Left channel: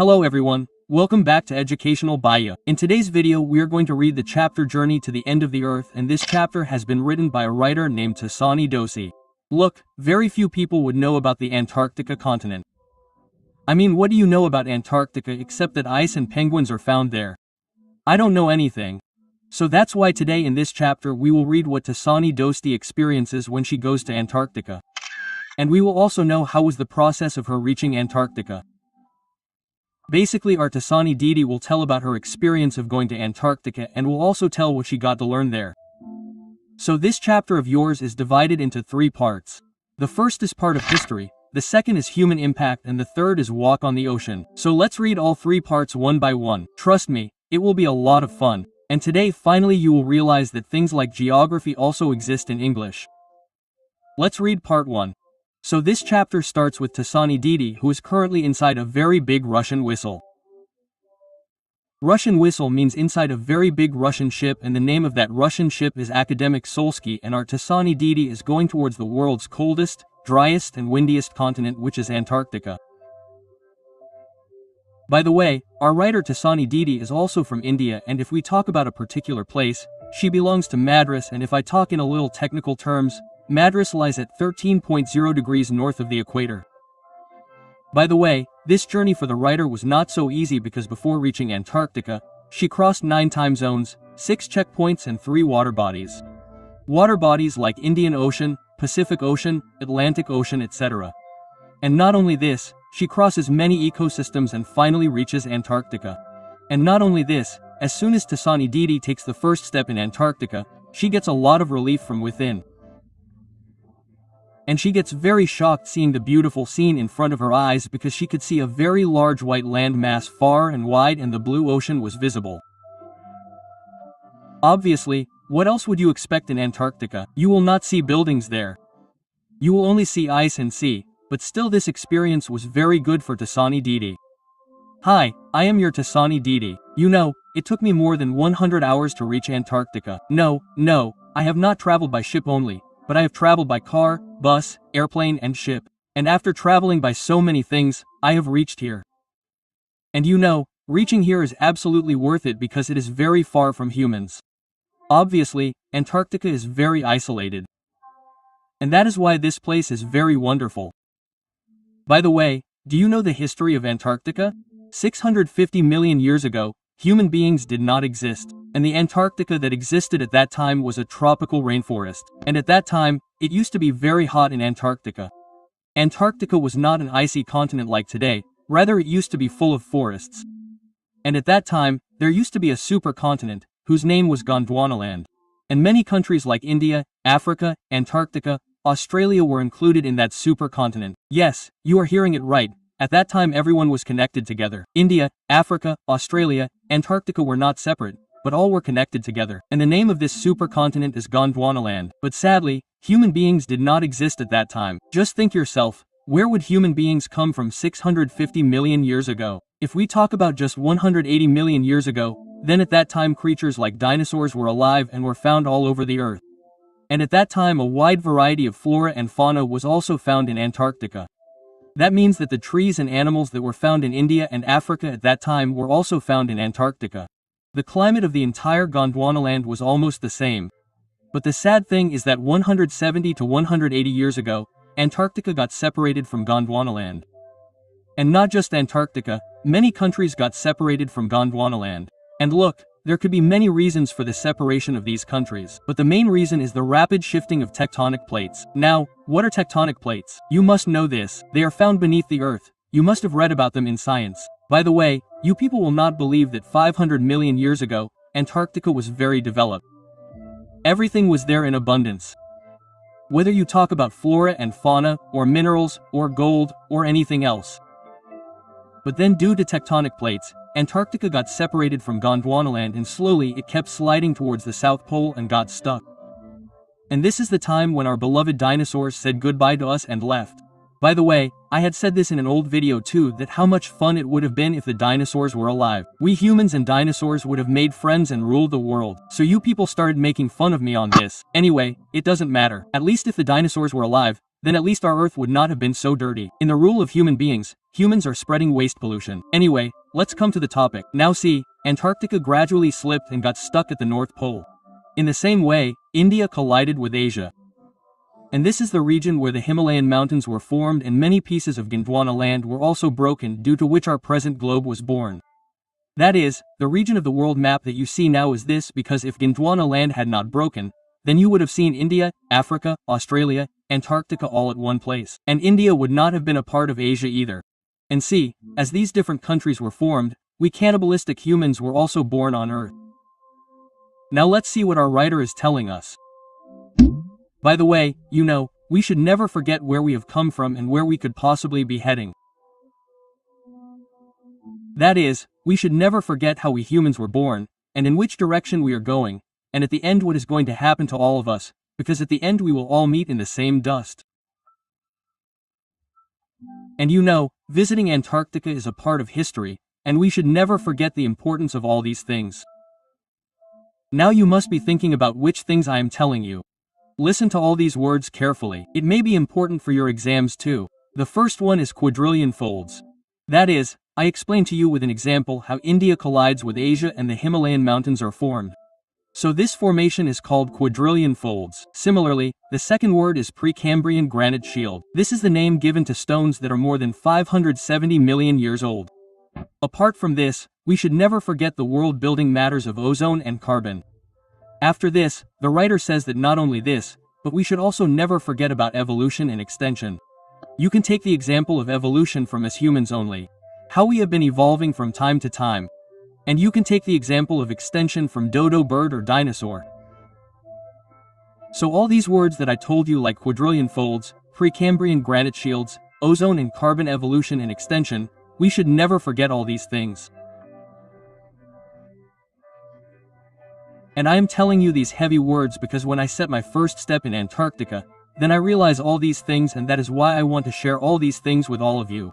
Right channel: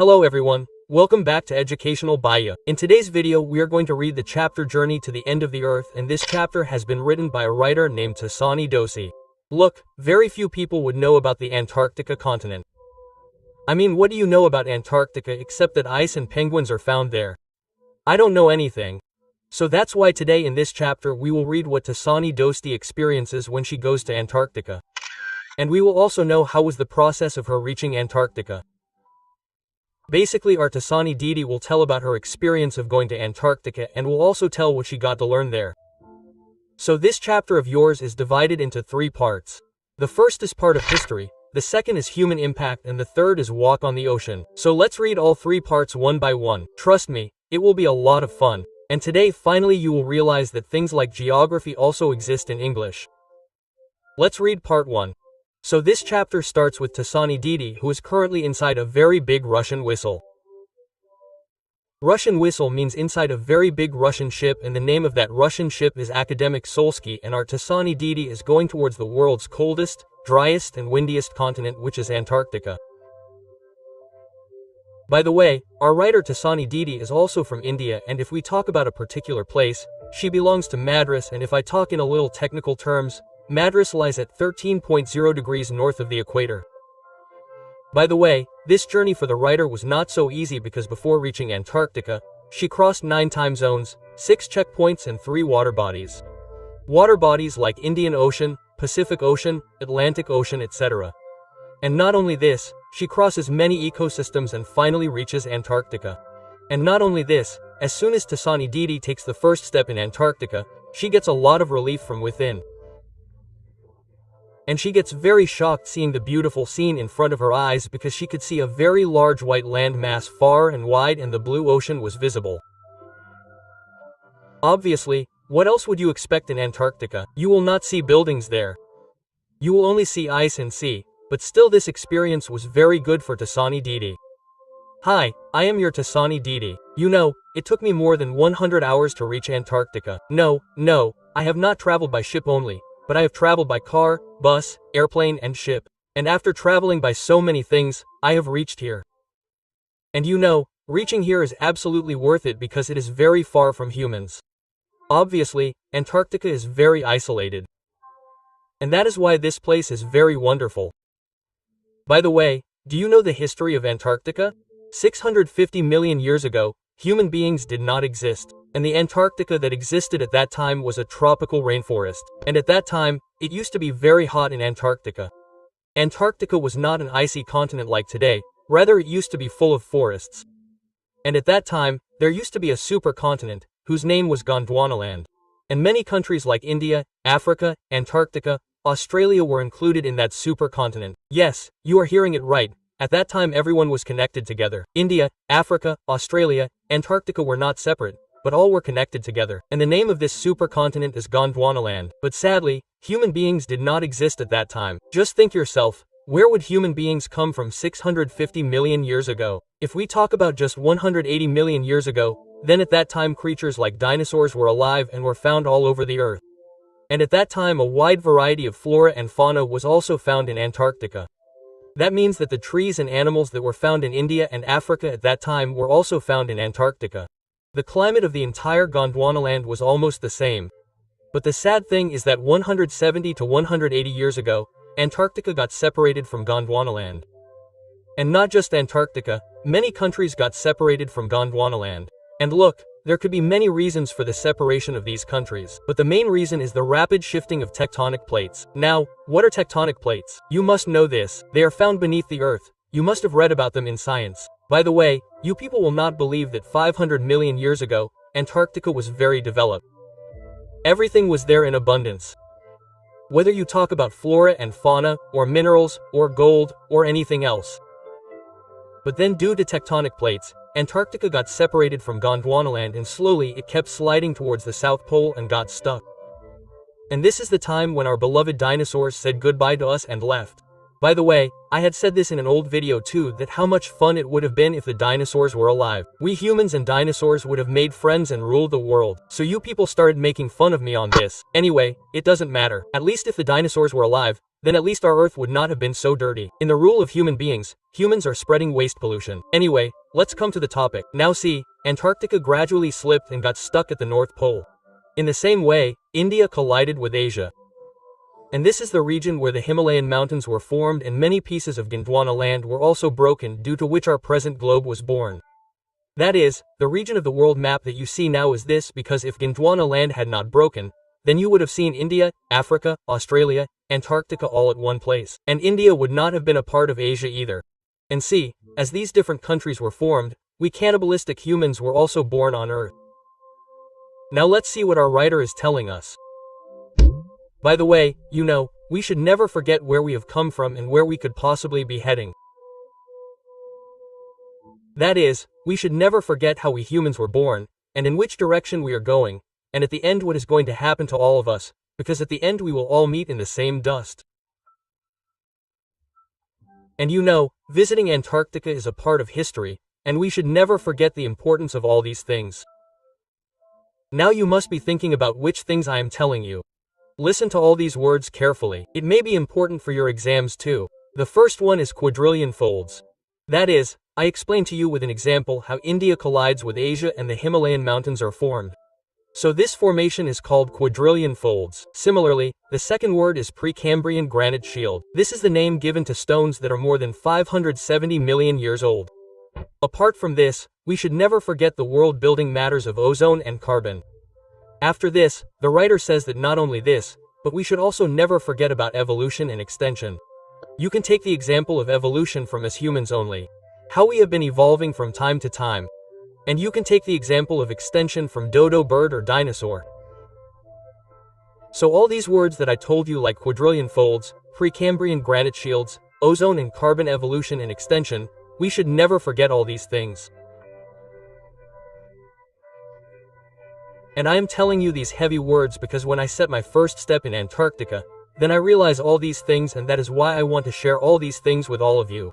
Hello everyone, welcome back to Educational Baya. In today's video we are going to read the chapter Journey to the End of the Earth, and this chapter has been written by a writer named Tasani Dosi. Look, very few people would know about the Antarctica continent. I mean, what do you know about Antarctica except that ice and penguins are found there? I don't know anything. So that's why today in this chapter we will read what Tasani Dosti experiences when she goes to Antarctica. And we will also know how was the process of her reaching Antarctica. Basically, our Tasani Didi will tell about her experience of going to Antarctica and will also tell what she got to learn there. So this chapter of yours is divided into 3 parts. The first is part of history, the second is human impact, and the third is walk on the ocean. So let's read all 3 parts one by one. Trust me, it will be a lot of fun. And today finally you will realize that things like geography also exist in English. Let's read part 1. So this chapter starts with Tasani Didi, who is currently inside a very big Russian whistle. Russian whistle means inside a very big Russian ship, and the name of that Russian ship is Akademik Solsky, and our Tasani Didi is going towards the world's coldest, driest and windiest continent, which is Antarctica. By the way, our writer Tasani Didi is also from India, and if we talk about a particular place, she belongs to Madras, and if I talk in a little technical terms, Madras lies at 13.0 degrees north of the equator. By the way, this journey for the writer was not so easy because before reaching Antarctica, she crossed 9 time zones, 6 checkpoints and 3 water bodies. Water bodies like Indian Ocean, Pacific Ocean, Atlantic Ocean, etc. And not only this, she crosses many ecosystems and finally reaches Antarctica. And not only this, as soon as Tasani Didi takes the first step in Antarctica, she gets a lot of relief from within. And she gets very shocked seeing the beautiful scene in front of her eyes because she could see a very large white land mass far and wide, and the blue ocean was visible. Obviously, what else would you expect in Antarctica? You will not see buildings there. You will only see ice and sea. But still this experience was very good for Tasani Didi. Hi, I am your Tasani Didi. You know, it took me more than 100 hours to reach Antarctica. No, I have not traveled by ship only, but I have traveled by car, bus, airplane and ship. And after traveling by so many things, I have reached here. And you know, reaching here is absolutely worth it because it is very far from humans. Obviously, Antarctica is very isolated. And that is why this place is very wonderful. By the way, do you know the history of Antarctica? 650 million years ago, human beings did not exist, and the Antarctica that existed at that time was a tropical rainforest, and at that time, it used to be very hot in Antarctica. Antarctica was not an icy continent like today, rather it used to be full of forests. And at that time, there used to be a supercontinent, whose name was Gondwanaland. And many countries like India, Africa, Antarctica, Australia were included in that supercontinent. Yes, you are hearing it right. At that time everyone was connected together. India, Africa, Australia, Antarctica were not separate, but all were connected together. And the name of this supercontinent is Gondwanaland. But sadly, human beings did not exist at that time. Just think yourself, where would human beings come from 650 million years ago? If we talk about just 180 million years ago, then at that time creatures like dinosaurs were alive and were found all over the earth. And at that time a wide variety of flora and fauna was also found in Antarctica. That means that the trees and animals that were found in India and Africa at that time were also found in Antarctica. The climate of the entire Gondwanaland was almost the same. But the sad thing is that 170 to 180 years ago, Antarctica got separated from Gondwanaland. And not just Antarctica, many countries got separated from Gondwanaland. And look, there could be many reasons for the separation of these countries, but the main reason is the rapid shifting of tectonic plates. Now, what are tectonic plates? You must know this. They are found beneath the earth. You must have read about them in science. By the way, you people will not believe that 500 million years ago, Antarctica was very developed. Everything was there in abundance. Whether you talk about flora and fauna, or minerals, or gold, or anything else. But then due to tectonic plates, Antarctica got separated from Gondwanaland and slowly it kept sliding towards the South Pole and got stuck. And this is the time when our beloved dinosaurs said goodbye to us and left. By the way, I had said this in an old video too, that how much fun it would have been if the dinosaurs were alive. We humans and dinosaurs would have made friends and ruled the world. So you people started making fun of me on this. Anyway, it doesn't matter. At least if the dinosaurs were alive, then at least our Earth would not have been so dirty. In the rule of human beings, humans are spreading waste pollution. Anyway, let's come to the topic. Now see, Antarctica gradually slipped and got stuck at the North Pole. In the same way, India collided with Asia. And this is the region where the Himalayan mountains were formed and many pieces of Gondwana land were also broken, due to which our present globe was born. That is, the region of the world map that you see now is this because if Gondwana land had not broken, then you would have seen India, Africa, Australia, Antarctica all at one place. And India would not have been a part of Asia either. And see, as these different countries were formed, we cannibalistic humans were also born on Earth. Now let's see what our writer is telling us. By the way, you know, we should never forget where we have come from and where we could possibly be heading. That is, we should never forget how we humans were born, and in which direction we are going, and at the end what is going to happen to all of us, because at the end we will all meet in the same dust. And you know, visiting Antarctica is a part of history, and we should never forget the importance of all these things. Now you must be thinking about which things I am telling you. Listen to all these words carefully. It may be important for your exams too. The first one is quadrillion folds. That is, I explained to you with an example how India collides with Asia and the Himalayan mountains are formed. So this formation is called quadrillion folds. Similarly, the second word is Precambrian granite shield. This is the name given to stones that are more than 570 million years old. Apart from this, we should never forget the world-building matters of ozone and carbon. After this, the writer says that not only this, but we should also never forget about evolution and extension. You can take the example of evolution from us humans only, how we have been evolving from time to time. And you can take the example of extension from dodo bird or dinosaur. So all these words that I told you like quadrillion folds, Precambrian granite shields, ozone and carbon evolution and extension, we should never forget all these things. And I am telling you these heavy words because when I set my first step in Antarctica, then I realize all these things, and that is why I want to share all these things with all of you.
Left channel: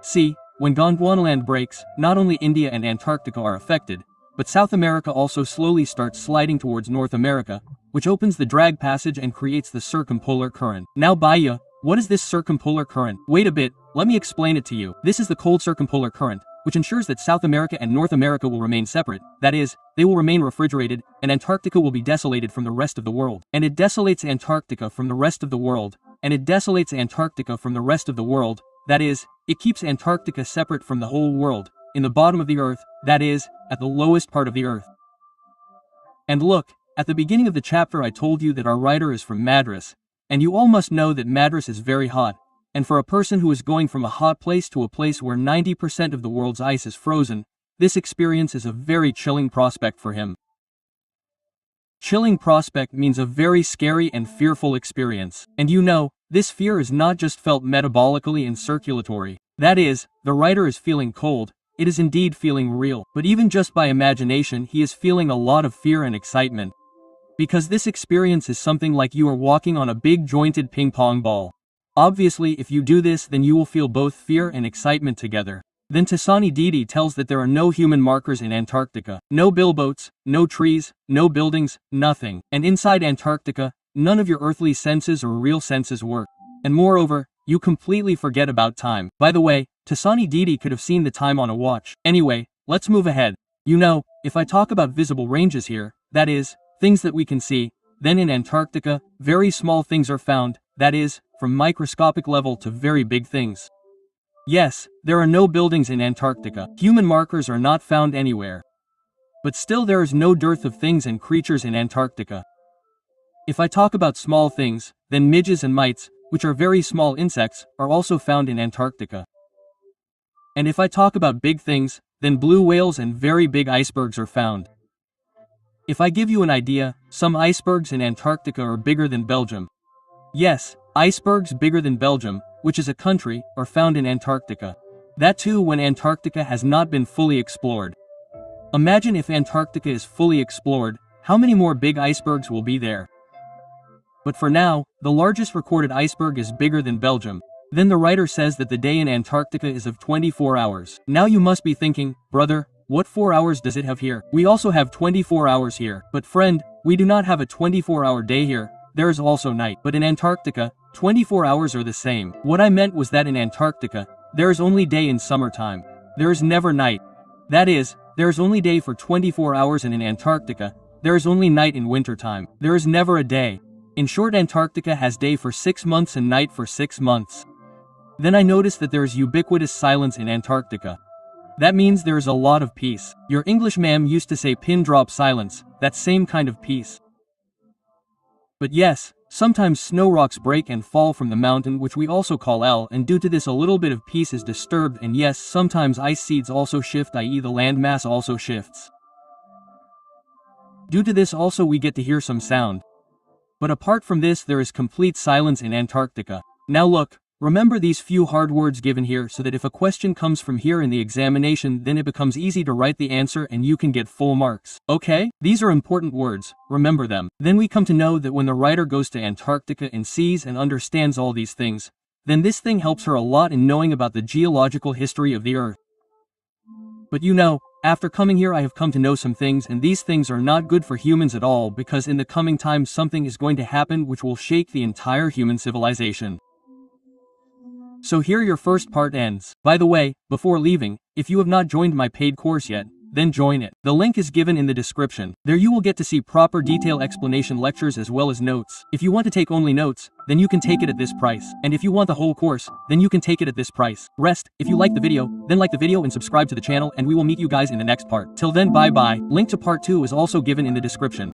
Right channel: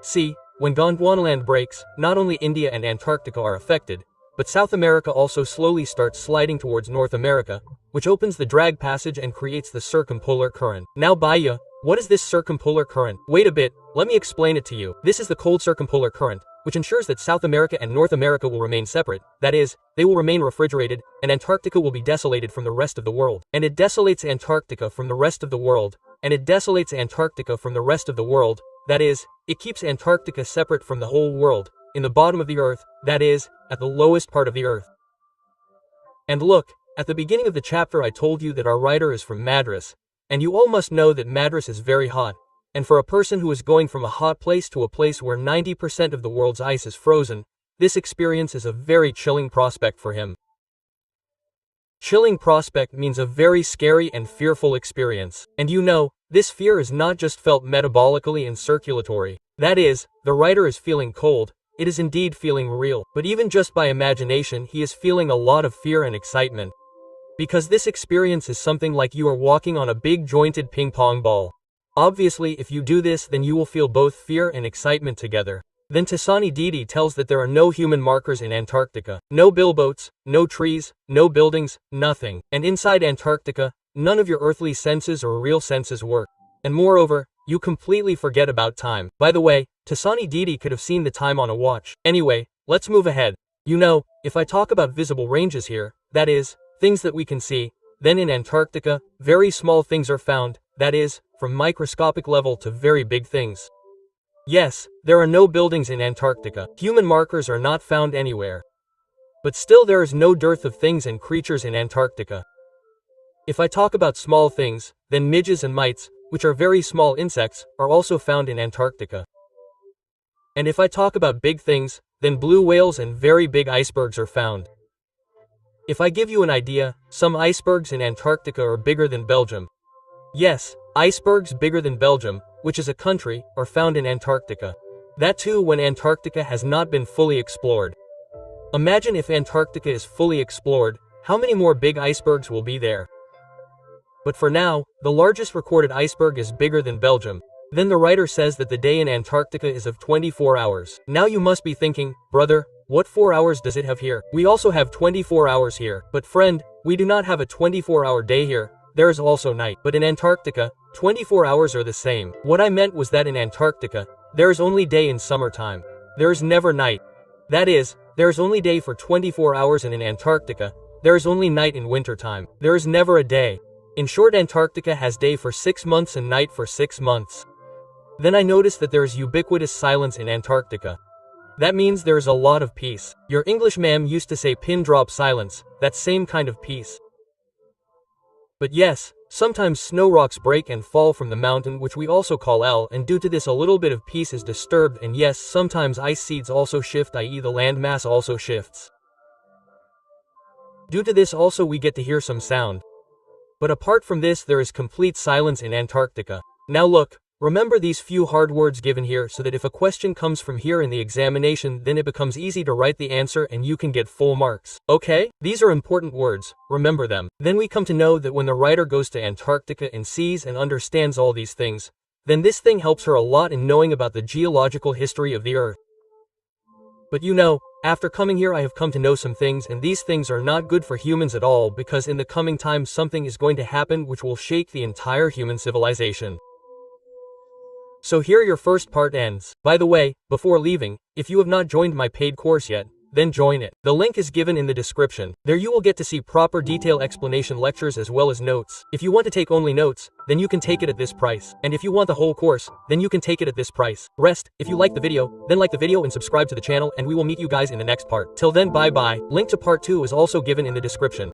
See, when Gondwanaland breaks, not only India and Antarctica are affected, but South America also slowly starts sliding towards North America, which opens the drag passage and creates the circumpolar current. Now Baya, what is this circumpolar current? Wait a bit, let me explain it to you. This is the cold circumpolar current, which ensures that South America and North America will remain separate. That is, they will remain refrigerated, and Antarctica will be desolated from the rest of the world. And it desolates Antarctica from the rest of the world, and it desolates Antarctica from the rest of the world. That is, it keeps Antarctica separate from the whole world, in the bottom of the Earth, that is, at the lowest part of the Earth. And look, at the beginning of the chapter I told you that our writer is from Madras, and you all must know that Madras is very hot. And for a person who is going from a hot place to a place where 90% of the world's ice is frozen, this experience is a very chilling prospect for him. Chilling prospect means a very scary and fearful experience. And you know, this fear is not just felt metabolically and circulatory. That is, the writer is feeling cold, it is indeed feeling real. But even just by imagination he is feeling a lot of fear and excitement. Because this experience is something like you are walking on a big jointed ping pong ball. Obviously, if you do this, then you will feel both fear and excitement together. Then Tasani Didi tells that there are no human markers in Antarctica. No billboats, no trees, no buildings, nothing. And inside Antarctica, none of your earthly senses or real senses work. And moreover, you completely forget about time. By the way, Tasani Didi could have seen the time on a watch. Anyway, let's move ahead. You know, if I talk about visible ranges here, that is, things that we can see, then in Antarctica, very small things are found, that is, from microscopic level to very big things. Yes, there are no buildings in Antarctica. Human markers are not found anywhere. But still there is no dearth of things and creatures in Antarctica. If I talk about small things, then midges and mites, which are very small insects, are also found in Antarctica. And if I talk about big things, then blue whales and very big icebergs are found. If I give you an idea, some icebergs in Antarctica are bigger than Belgium. Yes, icebergs bigger than Belgium, which is a country, are found in Antarctica. That too when Antarctica has not been fully explored. Imagine if Antarctica is fully explored, how many more big icebergs will be there? But for now, the largest recorded iceberg is bigger than Belgium. Then the writer says that the day in Antarctica is of 24 hours. Now you must be thinking, brother, what 4 hours does it have here? We also have 24 hours here. But friend, we do not have a 24-hour day here, there is also night. But in Antarctica, 24 hours are the same. What I meant was that in Antarctica, there is only day in summertime. There is never night. That is, there is only day for 24 hours, and in Antarctica, there is only night in wintertime. There is never a day. In short, Antarctica has day for 6 months and night for 6 months. Then I noticed that there is ubiquitous silence in Antarctica. That means there is a lot of peace. Your English ma'am used to say pin drop silence, that same kind of peace. But yes, sometimes snow rocks break and fall from the mountain, which we also call L, and due to this a little bit of peace is disturbed, and yes, sometimes ice seeds also shift, i.e. the land mass also shifts. Due to this also we get to hear some sound. But apart from this, there is complete silence in Antarctica. Now look, remember these few hard words given here so that if a question comes from here in the examination, then it becomes easy to write the answer and you can get full marks. Okay? These are important words, remember them. Then we come to know that when the writer goes to Antarctica and sees and understands all these things, then this thing helps her a lot in knowing about the geological history of the Earth. But you know, after coming here I have come to know some things, and these things are not good for humans at all, because in the coming time something is going to happen which will shake the entire human civilization. So here your first part ends. By the way, before leaving, if you have not joined my paid course yet, then join it. The link is given in the description. There you will get to see proper detailed explanation lectures as well as notes. If you want to take only notes, then you can take it at this price. And if you want the whole course, then you can take it at this price. Rest, if you like the video, then like the video and subscribe to the channel, and we will meet you guys in the next part. Till then, bye bye. Link to part 2 is also given in the description.